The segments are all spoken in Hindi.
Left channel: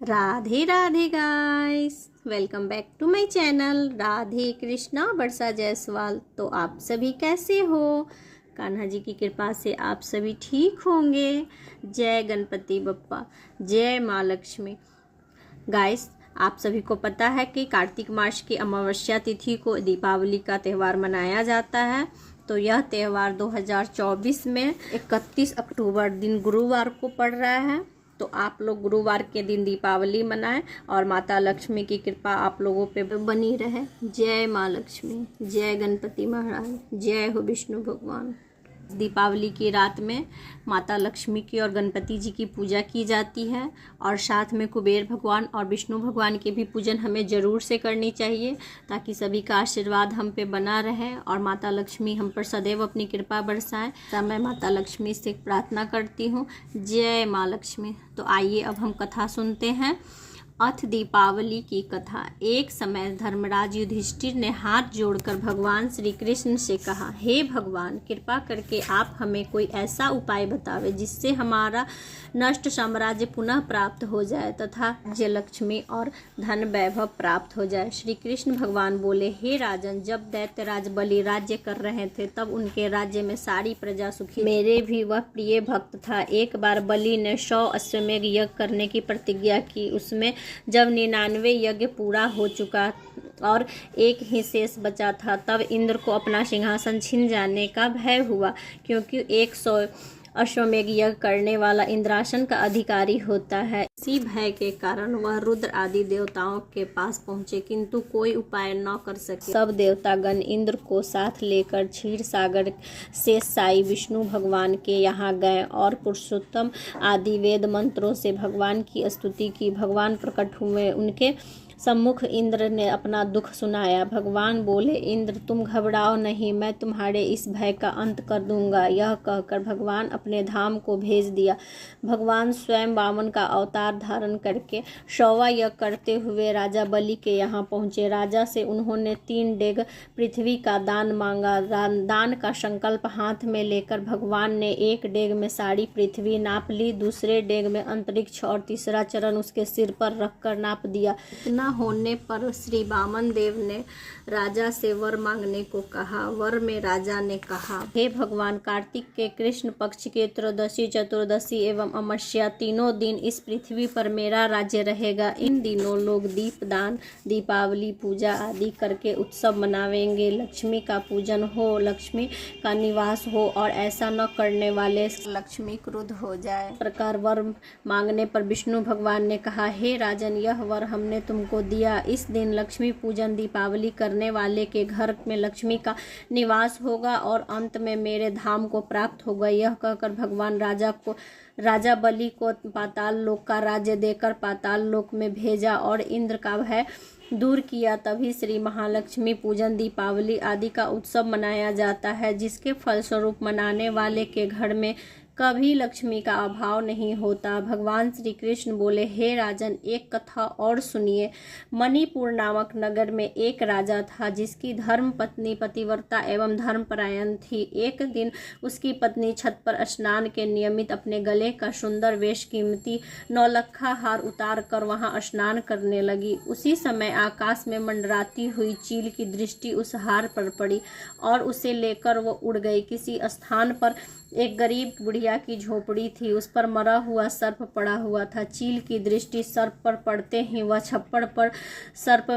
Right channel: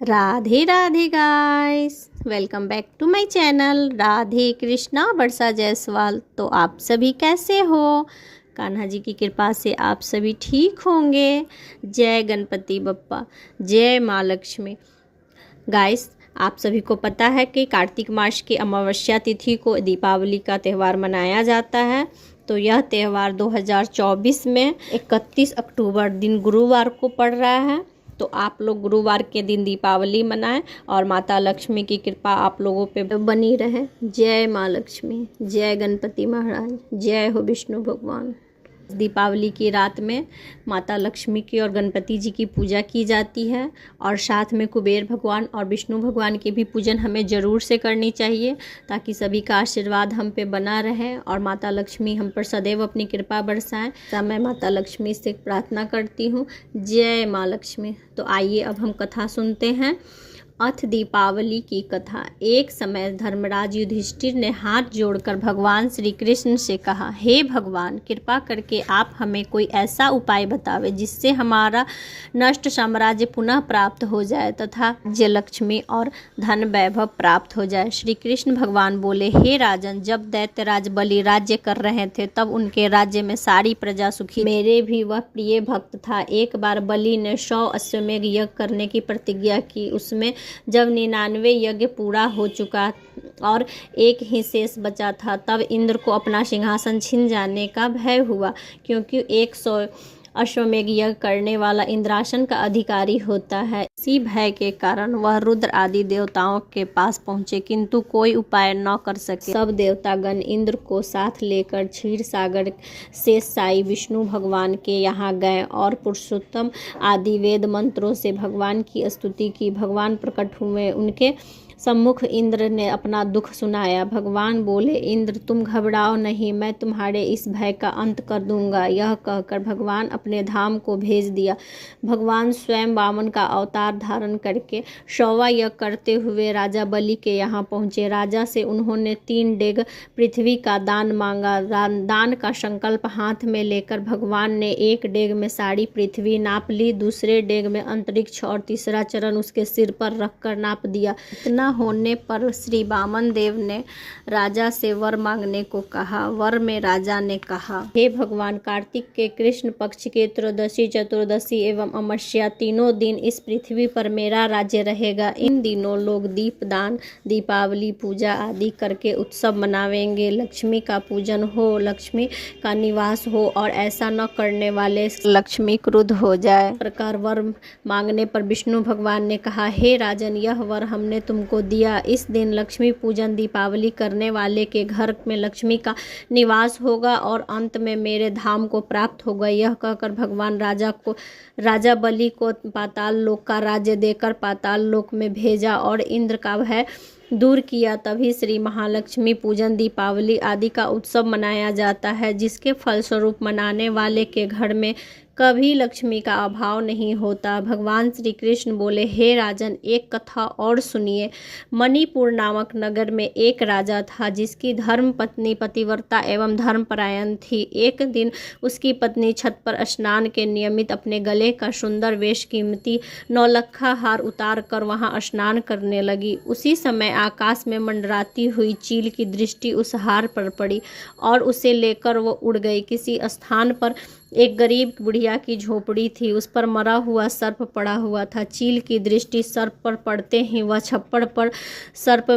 Radhe Radhe guys, welcome back to my channel Radhe Krishna Varsha Jaiswal. तो आप सभी कैसे हो? कान्हा जी की कृपा से आप सभी ठीक होंगे। जय गणपति बप्पा, जय माँ लक्ष्मी। गाइस, आप सभी को पता है कि कार्तिक मास की अमावस्या तिथि को दीपावली का त्यौहार मनाया जाता है। तो यह त्यौहार 2024 में 31 अक्टूबर दिन गुरुवार को पड़ रहा है। तो आप लोग गुरुवार के दिन दीपावली मनाएं और माता लक्ष्मी की कृपा आप लोगों पे बनी रहे। जय माँ लक्ष्मी, जय गणपति महाराज, जय हो विष्णु भगवान। दीपावली की रात में माता लक्ष्मी की और गणपति जी की पूजा की जाती है और साथ में कुबेर भगवान और विष्णु भगवान के भी पूजन हमें ज़रूर से करनी चाहिए, ताकि सभी का आशीर्वाद हम पे बना रहे और माता लक्ष्मी हम पर सदैव अपनी कृपा बरसाएं। तो मैं माता लक्ष्मी से प्रार्थना करती हूँ, जय माँ लक्ष्मी। तो आइए अब हम कथा सुनते हैं। अथ दीपावली की कथा। एक समय धर्मराज युधिष्ठिर ने हाथ जोड़कर भगवान श्री कृष्ण से कहा, हे भगवान, कृपा करके आप हमें कोई ऐसा उपाय बतावे जिससे हमारा नष्ट साम्राज्य पुनः प्राप्त हो जाए तथा राज्य लक्ष्मी और धन वैभव प्राप्त हो जाए। श्री कृष्ण भगवान बोले, हे राजन, जब दैत्यराज बलि राज्य कर रहे थे तब उनके राज्य में सारी प्रजा सुखी। मेरे भी वह प्रिय भक्त था। एक बार बलि ने 100 अश्वमेध यज्ञ करने की प्रतिज्ञा की। उसमें जब 99 यज्ञ पूरा हो चुका और एक ही शेष बचा था, तब इंद्र को अपना सिंहासन छिन जाने का भय हुआ, क्योंकि 100 अश्वमेध यज्ञ करने वाला इंद्रासन का अधिकारी होता है। इसी भय के कारण वह रुद्र आदि देवताओं के पास पहुंचे, किंतु कोई उपाय न कर सके। सब देवतागण इंद्र को साथ लेकर क्षीर सागर से साई विष्णु भगवान के यहाँ गए और पुरुषोत्तम आदि वेद मंत्रों से भगवान की स्तुति की। भगवान प्रकट हुए। उनके सम्मुख इंद्र ने अपना दुख सुनाया। भगवान बोले, इंद्र, तुम घबराओ नहीं, मैं तुम्हारे इस भय का अंत कर दूंगा। यह कहकर भगवान अपने धाम को भेज दिया। भगवान स्वयं वामन का अवतार धारण करके 100वां यज्ञ करते हुए राजा बलि के यहाँ पहुँचे। राजा से उन्होंने 3 डेग पृथ्वी का दान मांगा। दान का संकल्प हाथ में लेकर भगवान ने 1 डेग में सारी पृथ्वी नाप ली, दूसरे डेग में अंतरिक्ष और तीसरा चरण उसके सिर पर रखकर नाप दिया। इतना होने पर श्री वामन देव ने राजा से वर मांगने को कहा। वर में राजा ने कहा, हे भगवान, कार्तिक के कृष्ण पक्ष के त्रयोदशी, चतुर्दशी एवं अमावस्या तीनों दिन इस पृथ्वी पर मेरा राज्य रहेगा। इन दिनों लोग दीपदान, दीपावली पूजा आदि करके उत्सव मनावेंगे। लक्ष्मी का पूजन हो, लक्ष्मी का निवास हो और ऐसा न करने वाले लक्ष्मी क्रुद्ध हो जाए। प्रकार वर मांगने पर विष्णु भगवान ने कहा, हे राजन, यह वर हमने तुमको दिया। इस दिन लक्ष्मी पूजन दीपावली करने वाले के घर में लक्ष्मी का निवास होगा और अंत में मेरे धाम को प्राप्त होगा। यह कहकर भगवान राजा बलि को पाताल लोक का राज्य देकर पाताल लोक में भेजा और इंद्र का भय दूर किया। तभी श्री महालक्ष्मी पूजन, दीपावली आदि का उत्सव मनाया जाता है, जिसके फलस्वरूप मनाने वाले के घर में कभी लक्ष्मी का अभाव नहीं होता। भगवान श्री कृष्ण बोले, हे राजन, एक कथा और सुनिए। मणिपुर नामक नगर में एक राजा था, जिसकी धर्म पत्नी पतिव्रता एवं धर्मपरायण थी। एक दिन उसकी पत्नी छत पर स्नान के नियमित अपने गले का सुंदर वेश कीमती 9 लखा हार उतार कर वहां स्नान करने लगी। उसी समय आकाश में मंडराती हुई चील की दृष्टि उस हार पर पड़ी और उसे लेकर वो उड़ गई। किसी स्थान पर एक गरीब बुढ़िया की झोपड़ी थी, उस पर मरा हुआ सर्प पड़ा हुआ था। चील की दृष्टि सर्प पर पड़ते ही वह छप्पड़ पर सर्प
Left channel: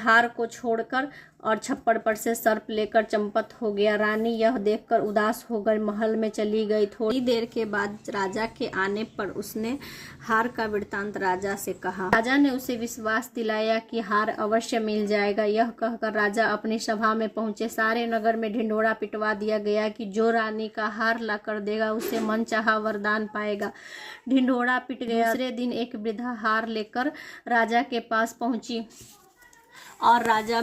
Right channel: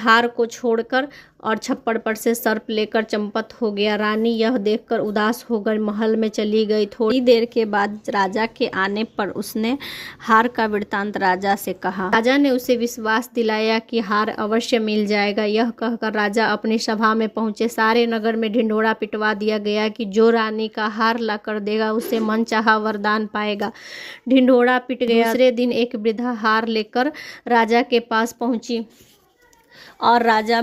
हार को छोड़कर और छप्पड़ पर से सर्प लेकर चंपत हो गया। रानी यह देखकर उदास होकर महल में चली गई। थोड़ी देर के बाद राजा के आने पर उसने हार का वृत्तांत राजा से कहा। राजा ने उसे विश्वास दिलाया कि हार अवश्य मिल जाएगा। यह कहकर राजा अपनी सभा में पहुंचे। सारे नगर में ढिंढोरा पिटवा दिया गया कि जो रानी का हार ला कर देगा उसे मनचाहा वरदान पाएगा। ढिंढोरा पिट गया। दूसरे दिन एक वृद्धा हार लेकर राजा के पास पहुंची और राजा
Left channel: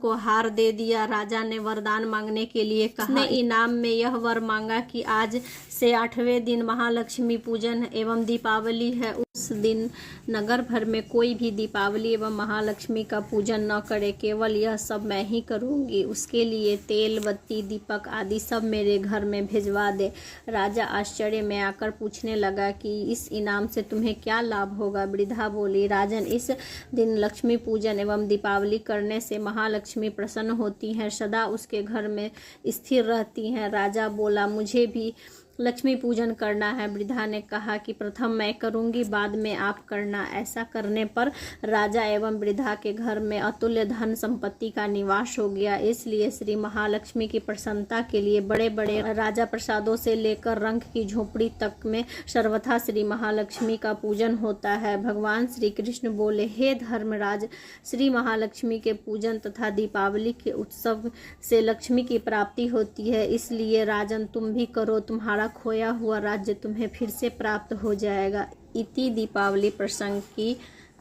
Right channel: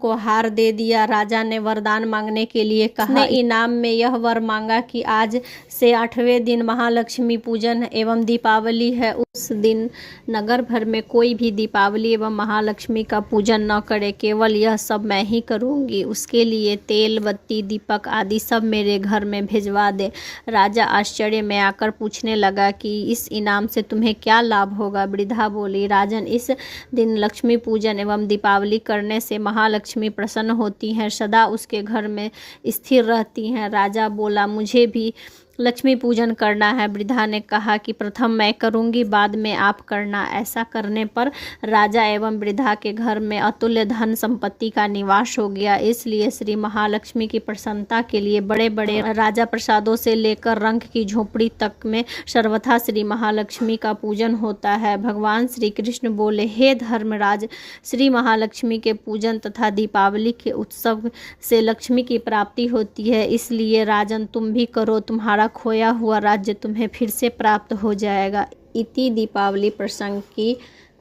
को हार दे दिया। राजा ने वरदान मांगने के लिए कहा। इनाम में यह वर मांगा कि आज से 8वें दिन महालक्ष्मी पूजन एवं दीपावली है। उस दिन नगर भर में कोई भी दीपावली एवं महालक्ष्मी का पूजन न करे, केवल यह सब मैं ही करूँगी। उसके लिए तेल, बत्ती, दीपक आदि सब मेरे घर में भिजवा दे। राजा आश्चर्य में आकर पूछने लगा कि इस इनाम से तुम्हें क्या लाभ होगा। वृद्धा बोली, राजन, इस दिन लक्ष्मी पूजन एवं दीपावली करने से महालक्ष्मी प्रसन्न होती हैं, सदा उसके घर में स्थिर रहती हैं। राजा बोला, मुझे भी लक्ष्मी पूजन करना है। वृद्धा ने कहा कि प्रथम मैं करूंगी, बाद में आप करना। ऐसा करने पर राजा एवं वृद्धा के घर में अतुल्य धन संपत्ति का निवास हो गया। इसलिए श्री महालक्ष्मी की प्रसन्नता के लिए बड़े बड़े राजा प्रसादों से लेकर रंक की झोपड़ी तक में सर्वथा श्री महालक्ष्मी का पूजन होता है। भगवान श्री कृष्ण बोले, हे धर्मराज, श्री महालक्ष्मी के पूजन तथा दीपावली के उत्सव से लक्ष्मी की प्राप्ति होती है। इसलिए राजन, तुम भी करो, तुम्हारा खोया हुआ राज्य तुम्हें फिर से प्राप्त हो जाएगा। इति दीपावली प्रसंग की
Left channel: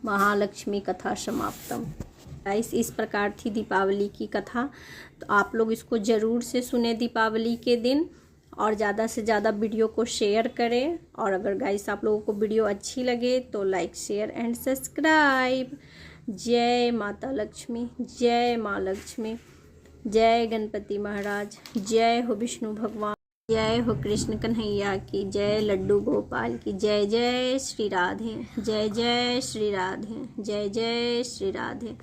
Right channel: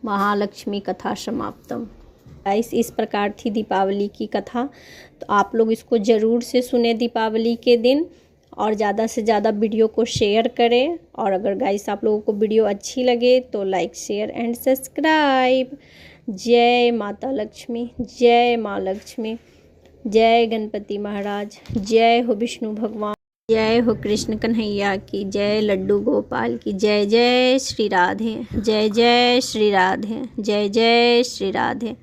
महालक्ष्मी कथा समाप्तम। गाइस, इस प्रकार थी दीपावली की कथा। तो आप लोग इसको ज़रूर से सुने दीपावली के दिन, और ज़्यादा से ज़्यादा वीडियो को शेयर करें। और अगर गाइस आप लोगों को वीडियो अच्छी लगे तो लाइक, शेयर एंड सब्सक्राइब। जय माता लक्ष्मी, जय माँ लक्ष्मी, जय गणपति महाराज, जय हो विष्णु भगवान, जय हो कृष्ण कन्हैया की, जय लड्डू गोपाल की, जय जय श्री राधे, जय जय श्री राधे, जय जय श्री राधे।